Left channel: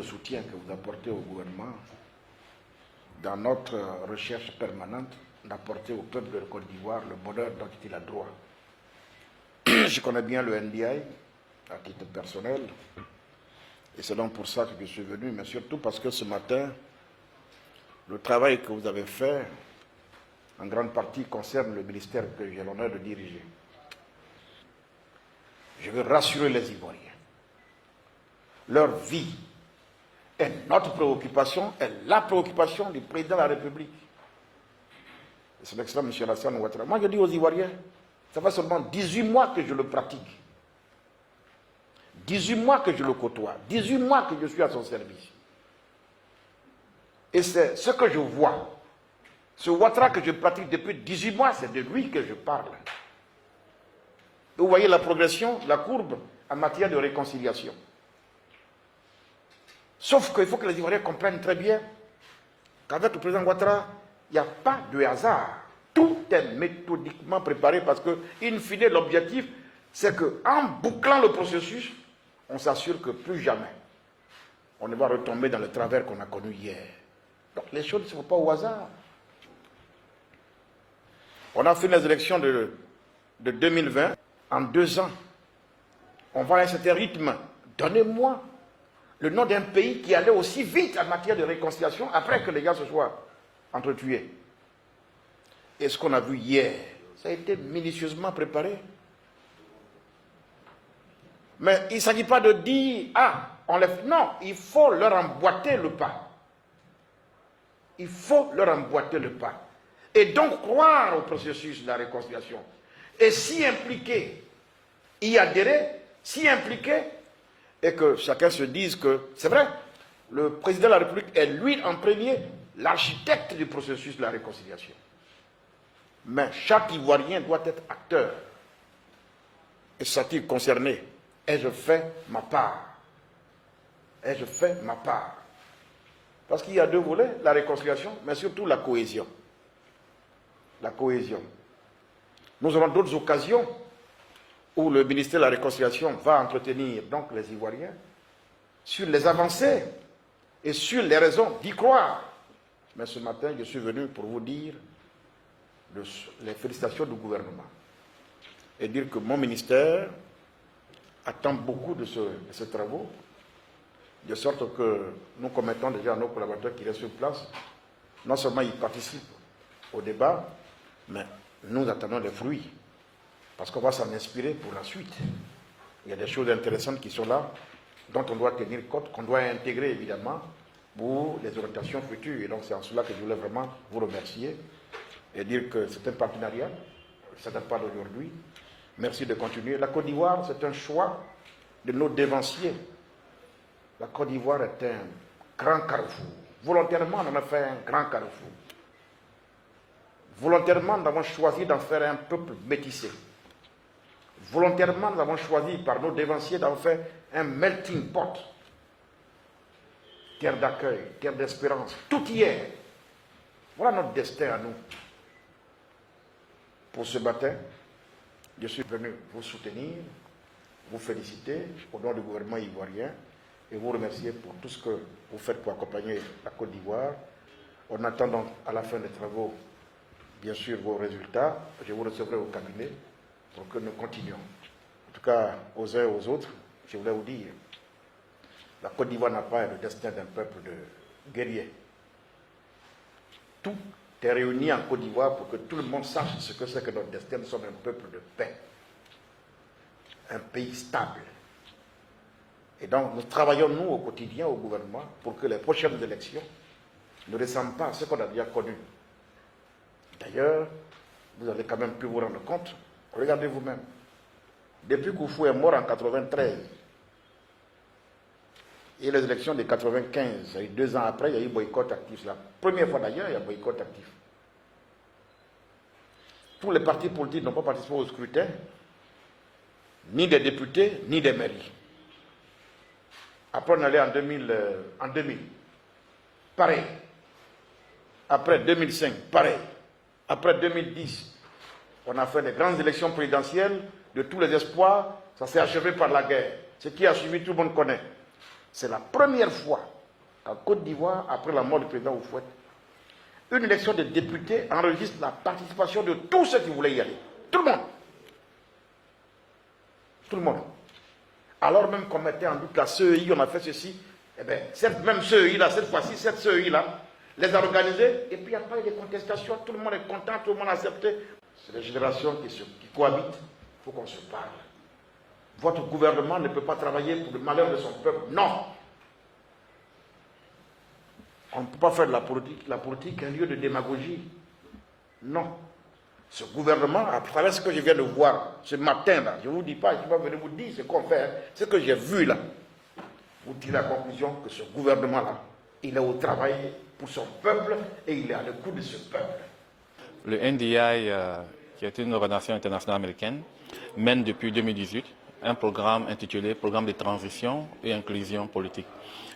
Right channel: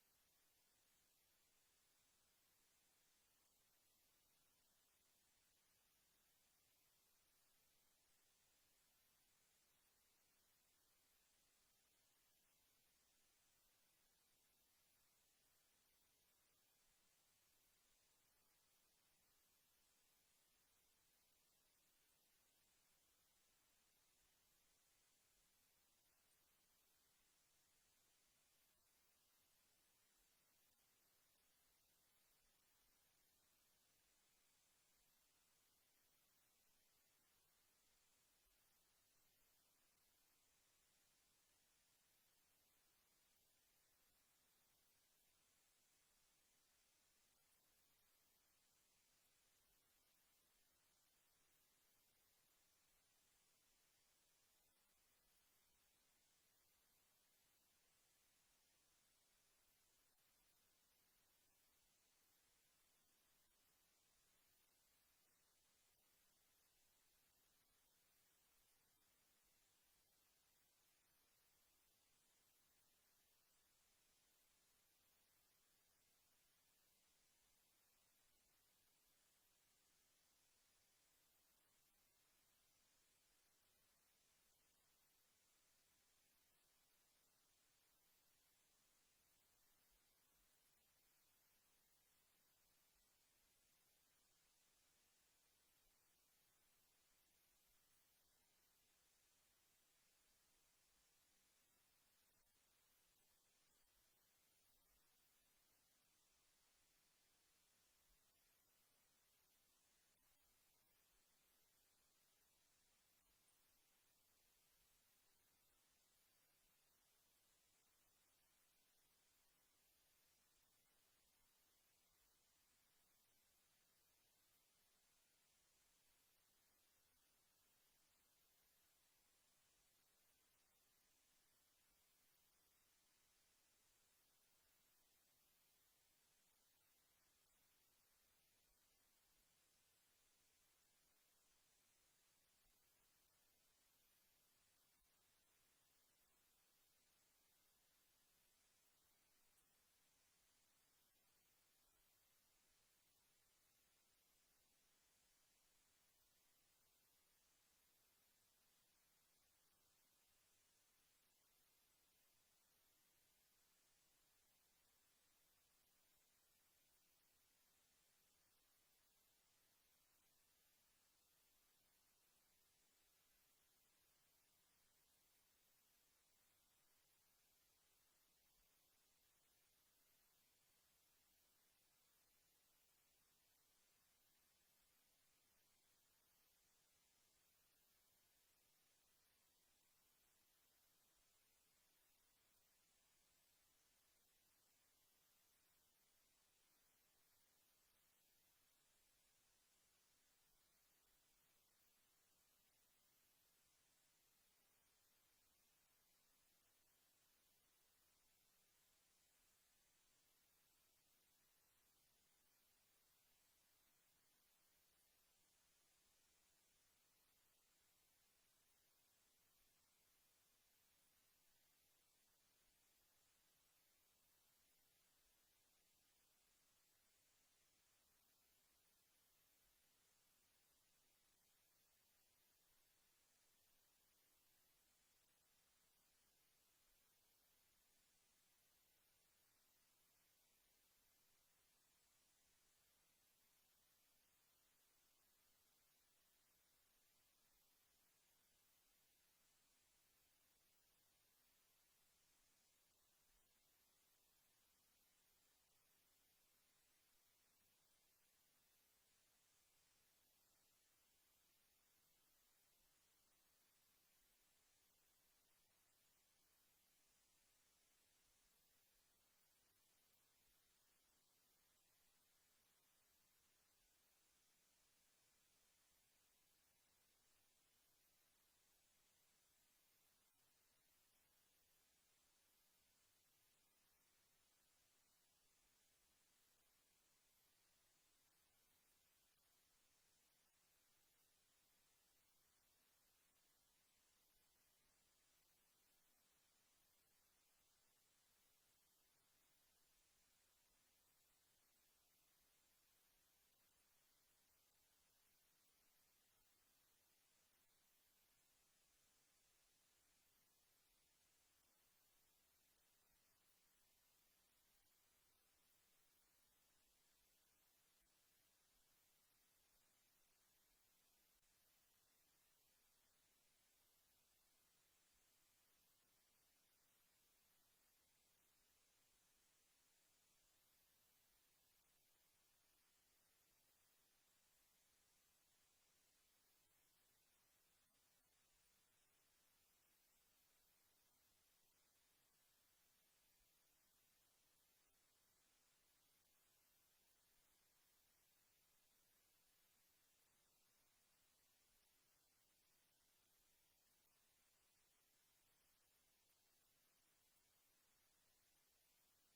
le soutien que vous apportez au gouvernement dans notre recherche permanente d'apporter au peuple de Côte d'Ivoire le bonheur dont il a droit. Je connais bien le NDI à titre personnel et c'est donc pour ça que je suis venu, mais surtout parce que ce matin, le travail que vous avez fait en grande partie concerne le ministère que j'ai l'honneur de diriger. Je veux rassurer les Ivoiriens. Leur vie est notre préoccupation, est la préoccupation du président de la République. C'est l'excellent M. Alassane Ouattara. Moi, je dis aux Ivoiriens, ça fait seulement 18 mois que je le pratique. 18 mois que je le côtoie. 18 mois que je suis à son service. Et c'est ce que je vois. Ce Ouattara que je pratique depuis 18 mois, c'est de lui que je parle. Vous voyez la progression, la courbe en matière de réconciliation. Sauf qu'il faut que les Ivoiriens comprennent très bien qu'avec le président Ouattara, il n'y a pas de hasard. Tout est méthodiquement préparé parce que, in fine, l'objectif, c'est qu'en bouclant le processus, on s'assure que plus jamais on ne va retomber dans le travers qu'on a connu hier. Donc les choses ne se font pas au hasard. On a fait les élections de 2020 en 2 ans. On va à un certain rythme. Donnez-moi le nom d'un pays qui allait aussi vite en matière de réconciliation après que les gars se soient entretués. Et ce qu'on a vu hier, ça a été minutieusement préparé. Mais il ne s'agit pas de dire, ah, on lève. Non, il faut leur emboîter le pas. Il faut leur emboîter le pas. Et donc croire au processus de la réconciliation. Et s'y impliquer, y adhérer, s'y impliquer, et que chacun se dise que, c'est vrai, le président de la République est lui en premier l'architecte du processus de la réconciliation. Mais chaque Ivoirien doit être acteur. Et s'est-il concerné? Ai-je fait ma part? Ai-je fait ma part? Parce qu'il y a 2 volets, la réconciliation, mais surtout la cohésion. La cohésion. Nous aurons d'autres occasions où le ministère de la Réconciliation va entretenir donc les Ivoiriens sur les avancées et sur les raisons d'y croire. Mais ce matin, je suis venu pour vous dire les félicitations du gouvernement et dire que mon ministère attend beaucoup de ces travaux, de sorte que nous commettons déjà à nos collaborateurs qui restent sur place. Non seulement ils participent au débat, mais nous attendons les fruits, parce qu'on va s'en inspirer pour la suite. Il y a des choses intéressantes qui sont là, dont on doit tenir compte, qu'on doit intégrer évidemment pour les orientations futures. Et donc c'est en cela que je voulais vraiment vous remercier et dire que c'est un partenariat, ça ne date pas d'aujourd'hui. Merci de continuer. La Côte d'Ivoire, c'est un choix de nos dévanciers. La Côte d'Ivoire est un grand carrefour. Volontairement, on en a fait un grand carrefour. Volontairement, nous avons choisi d'en faire un peuple métissé. Volontairement, nous avons choisi par nos dévanciers d'en faire un melting pot. Terre d'accueil, terre d'espérance, tout y est. Voilà notre destin à nous. Pour ce matin, je suis venu vous soutenir, vous féliciter au nom du gouvernement ivoirien et vous remercier pour tout ce que vous faites pour accompagner la Côte d'Ivoire. On attend donc à la fin des travaux, bien sûr, vos résultats. Je vous recevrai au cabinet pour que nous continuions. En tout cas, aux uns et aux autres, je voulais vous dire, la Côte d'Ivoire n'a pas le destin d'un peuple de guerriers. Tout est réuni en Côte d'Ivoire pour que tout le monde sache ce que c'est que notre destin. Nous sommes un peuple de paix, un pays stable. Et donc, nous travaillons, nous, au quotidien, au gouvernement, pour que les prochaines élections ne ressemblent pas à ce qu'on a déjà connu. D'ailleurs, vous avez quand même pu vous rendre compte, regardez vous-même, depuis qu'Oufou est mort en 93, et les élections de 95, 2 ans après, il y a eu boycott actif. C'est la première fois d'ailleurs, il y a boycott actif. Tous les partis politiques n'ont pas participé au scrutin, ni des députés, ni des mairies. Après, on allait en 2000. Pareil. Après 2005, pareil. Après 2010, on a fait des grandes élections présidentielles de tous les espoirs. Ça s'est achevé par la guerre. Ce qui a suivi, tout le monde connaît. C'est la première fois en Côte d'Ivoire, après la mort du président Houphouët, une élection de députés enregistre la participation de tous ceux qui voulaient y aller. Tout le monde. Tout le monde. Alors même qu'on mettait en doute la CEI, on a fait ceci, eh bien, cette même CEI-là, cette fois-ci, cette CEI-là, les a organisés, et puis il n'y a pas eu de contestation, tout le monde est content, tout le monde a accepté. C'est des générations qui cohabitent, il faut qu'on se parle. Votre gouvernement ne peut pas travailler pour le malheur de son peuple, non. On ne peut pas faire de la politique un lieu de démagogie. Non. Ce gouvernement, à travers ce que je viens de voir ce matin-là, je ne vous dis pas, je ne vais pas venir vous dire ce qu'on fait, ce que j'ai vu là, vous tirez la conclusion que ce gouvernement-là, il est au travail pour son peuple et il est à l'écoute de ce peuple. Le NDI, qui est une organisation internationale américaine, mène depuis 2018 un programme intitulé Programme de transition et inclusion politique.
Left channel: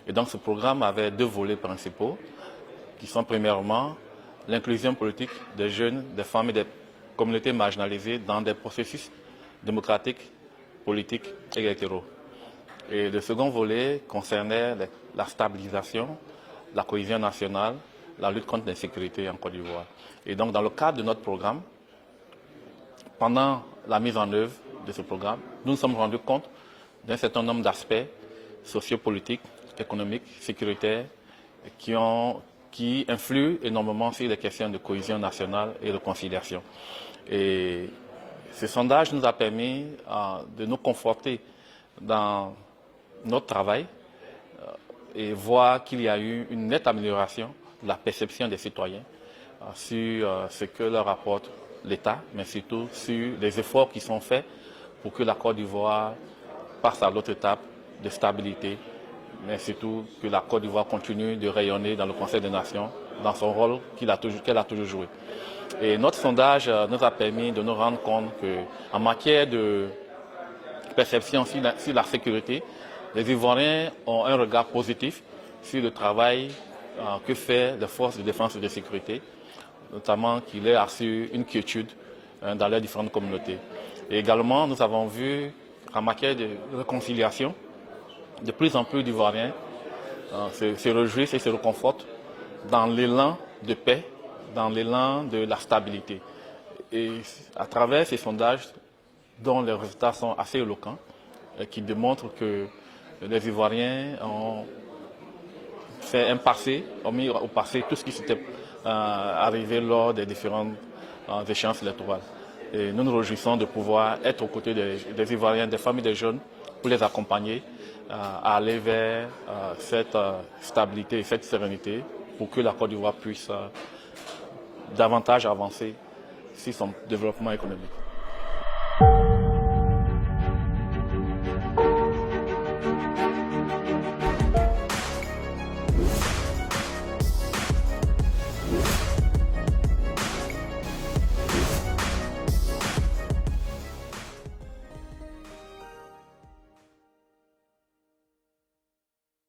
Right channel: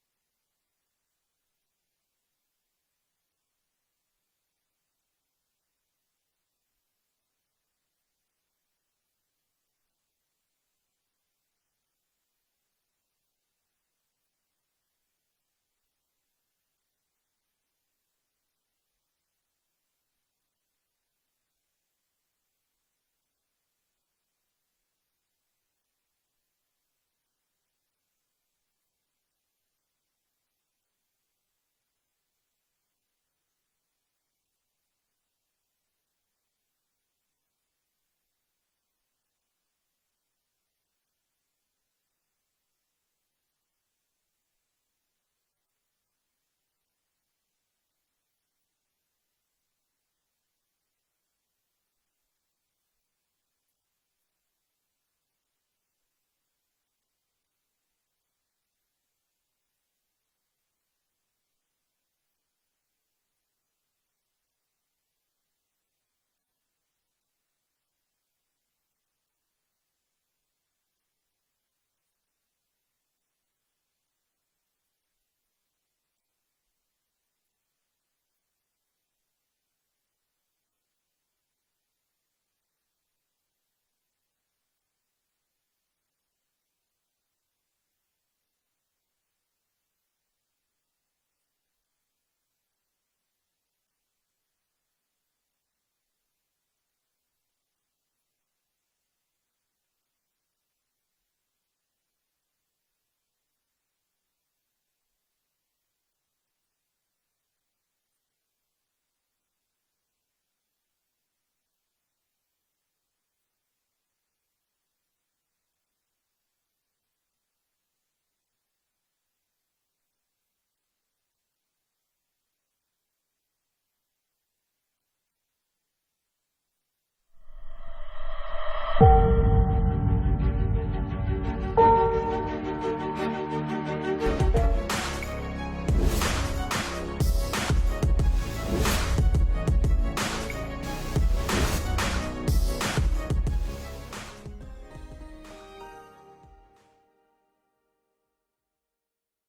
Et donc ce programme avait deux volets principaux, qui sont premièrement l'inclusion politique des jeunes, des femmes et des communautés marginalisées dans des processus démocratiques, politiques et électoraux. Et le second volet concernait la stabilisation, la cohésion nationale, la lutte contre l'insécurité en Côte d'Ivoire. Et donc dans le cadre de notre programme, pendant la mise en œuvre de ce programme, nous nous sommes rendus compte d'un certain nombre d'aspects sociopolitiques, économiques, sécuritaires, qui influent énormément sur les questions de cohésion nationale et de conciliation. Et ce sondage nous a permis de nous conforter dans notre travail et voir qu'il y a eu une nette amélioration de la perception des citoyens sur ce que leur apporte l'État, mais surtout sur les efforts qui sont faits pour que la Côte d'Ivoire passe à l'autre étape de stabilité, mais surtout que la Côte d'Ivoire continue de rayonner dans le Conseil des Nations, dans son rôle qu'elle a toujours joué. Et notre sondage nous a permis de nous rendre compte qu'en matière de perception sur la sécurité, les Ivoiriens ont un regard positif sur le travail que fait les forces de défense et de sécurité, notamment qu'il est assuré une quiétude dans les différentes communautés. Et également, nous avons vu qu'en matière de réconciliation, de plus en plus d'Ivoiriens se réjouissent et se réconfortent dans l'élan de paix, dans l'élan de la stabilité. Et à travers ces sondages, dont les résultats sont assez éloquents, qui démontrent que les Ivoiriens ont fait un passé, ont mis au passé tout ce qui s'était arrivé lors des différentes échéances électorales. Et nous nous réjouissons de pouvoir être aux côtés des Ivoiriens, des familles des jeunes, pour les accompagner à aller vers cette stabilité et cette sérénité pour que la Côte d'Ivoire puisse davantage avancer sur son développement économique.